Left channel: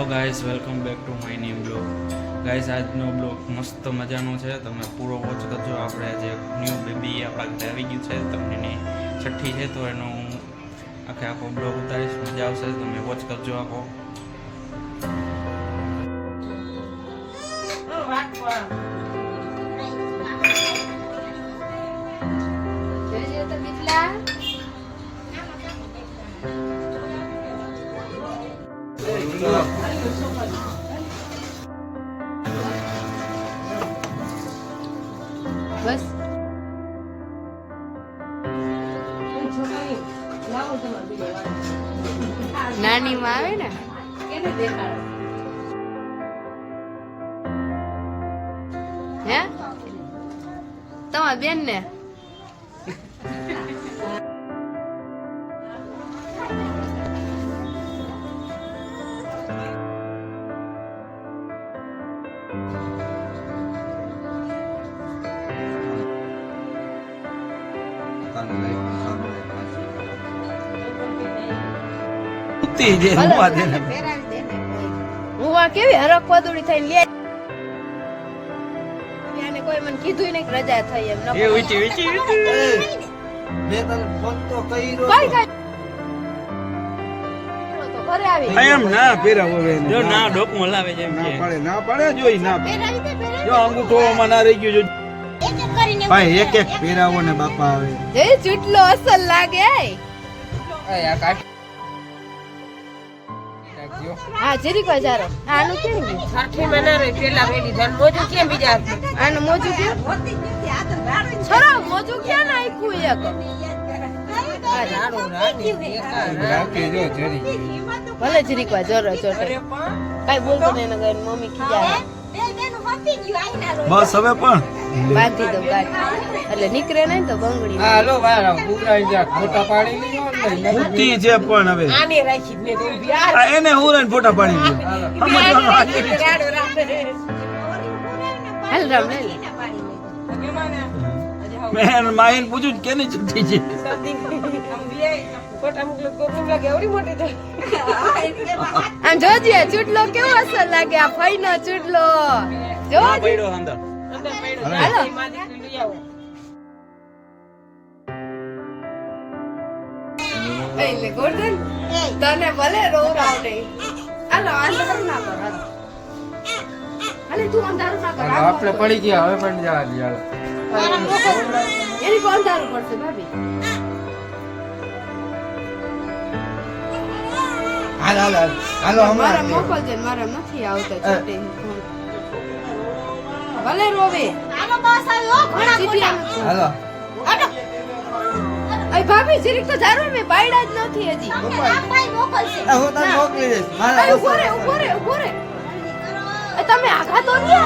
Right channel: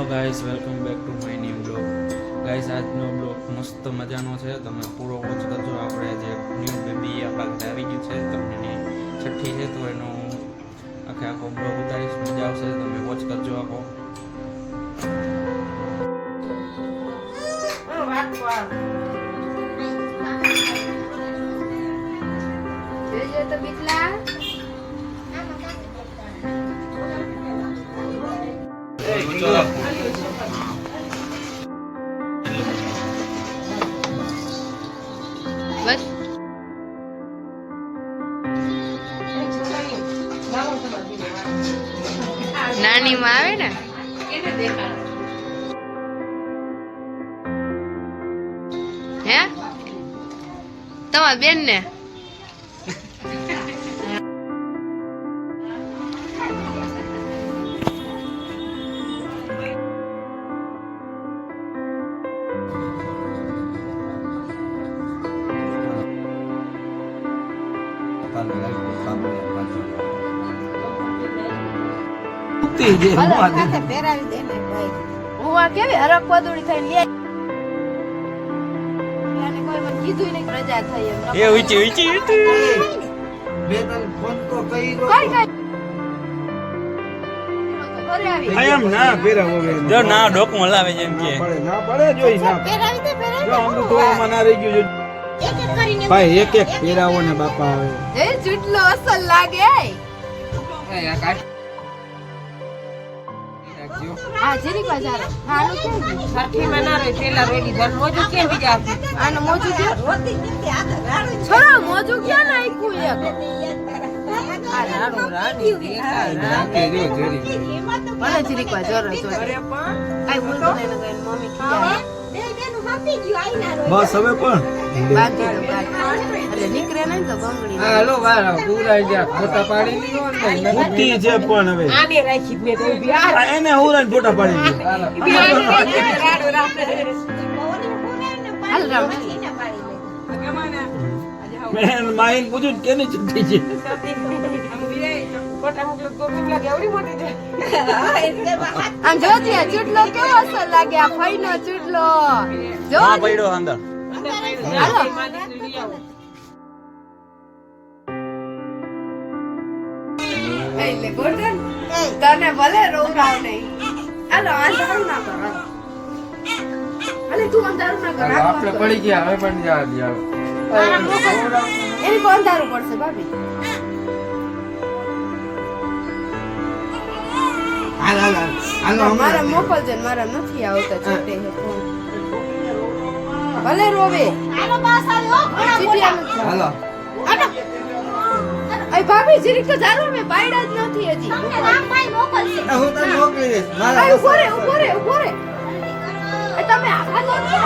Hello guys, welcome back to my new blog. Guys, આજનો blog મસ્ત મજાનો છે, તમે પૂરો વોચ કરજો. આપણે આજે ન્યૂ બેબી આપણા ઘરે આવી ગયું છે, તમને એની છઠ્ઠી છે, તો એનો હું આખો બ્લોગ ઉતારીશ. મજા આવશે, તમે વોચ કરજો આખો. બસ નાની માં આવે ને હે તમાર બેન ને કેવી હરક પદુડી થઈને લે કોઈ મને કીધું નહીં રજા થઈ એમ એ ઉચી ઉચી મેં તને ફોન તો કર્યો એમ ના પહેરાવો જો ના ડોકમાં લાવે છે એમ કે ના પડે જોઈ ના પહેરાવી દે જો અંગૂઠોમાં ના રહી ગયું ભાઈ એક એક પહેરાવો ને બાપા આવે એ ચૂટલો અસલ લાગે હા જરીક હજારો આનું કેમ કાઠી માં ના રહી પેલા રેડી ધન મોજું કેમ બીજા આનું મોજું કે છોરા મોજું ક્યાં નાખ્યું ભલે જરીક વાર જોરો ચોટે કઈ બોલતો નહીં ને મમ્મી ખીજા બસ હવે પણ બાંધી દઉં ગાડી એટલે નીકળે નહીં તો બંગડી હાલો વાળા પૂરા જ્યાં ફોટા પાડી લીધો ને મૂકી છે પણ હવે આને રાખી મેં તો ઊભી આ એને હું ને ફોટા પાડી લીધો હાલ રામ લે મેં માઈન પૂછ્યું કેની છૂટી છે આમ જોજે ચૂટલો કેવો અસર લાગે આ ફઈનો ચૂટલો જો હા પડ્યો અંદર હાલો એટલે ગોલ્ડન તને ભલે રોરાવ નહીં હાલો અંધારું ના કર હાલે તું અંધારું ના કર આપણે પડી ગયા હવે પણ જા યાર એની કોણ અંધારું પડશે ભાભી હાલો મારા મોકલજે ને મારા નથી આવતો છોટે હે ફોન ભલે રોવે ચીઠી આમ હાલો અય ભાભી જરીક તો જારો મે પાયડા જ નથી હજી હું તને મોકલી દઈશ અય ઉભો રે એ તમે આખા દો ને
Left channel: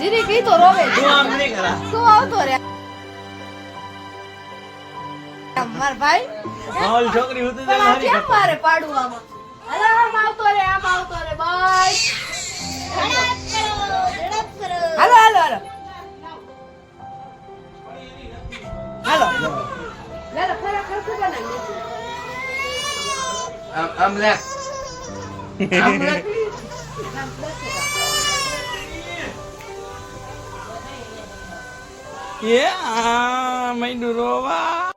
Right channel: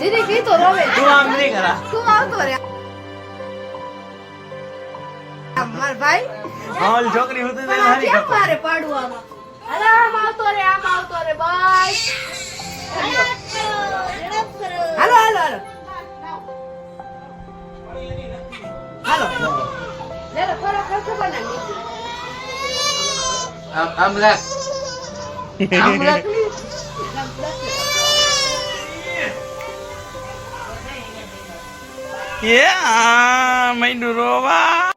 જરીક ઈ તો રોવે તું આમ નહીં કરા તું આવતો રે માર ભાઈ ઓલ છોકરી હોતી તો હારી કેમ કરતો મારે પાડું આમાં અરે આમ આવતો રે બસ હાલો લેલો ખરેખર શું બનાવી આમ લે એ આ મૈંડુ રોવા